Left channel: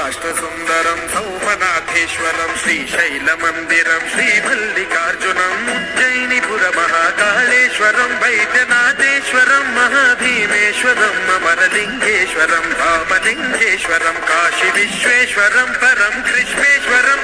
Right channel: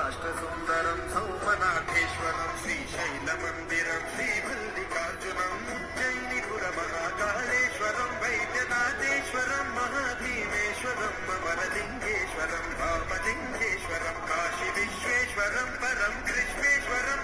राष्ट्रसुन्दरं सौमनाथेश्वरं श्रीशैलमन्दिरं श्रीमल्लिकार्जुनम् उज्जयिनीपुरमहाकालेश्वरं वैद्यनाथेश्वरं महाभीमेश्वरं अमरलिङ्गेश्वरं वामलिङ्गेश्वरं काशीविश्वेश्वरं परं कृष्णेश्वरं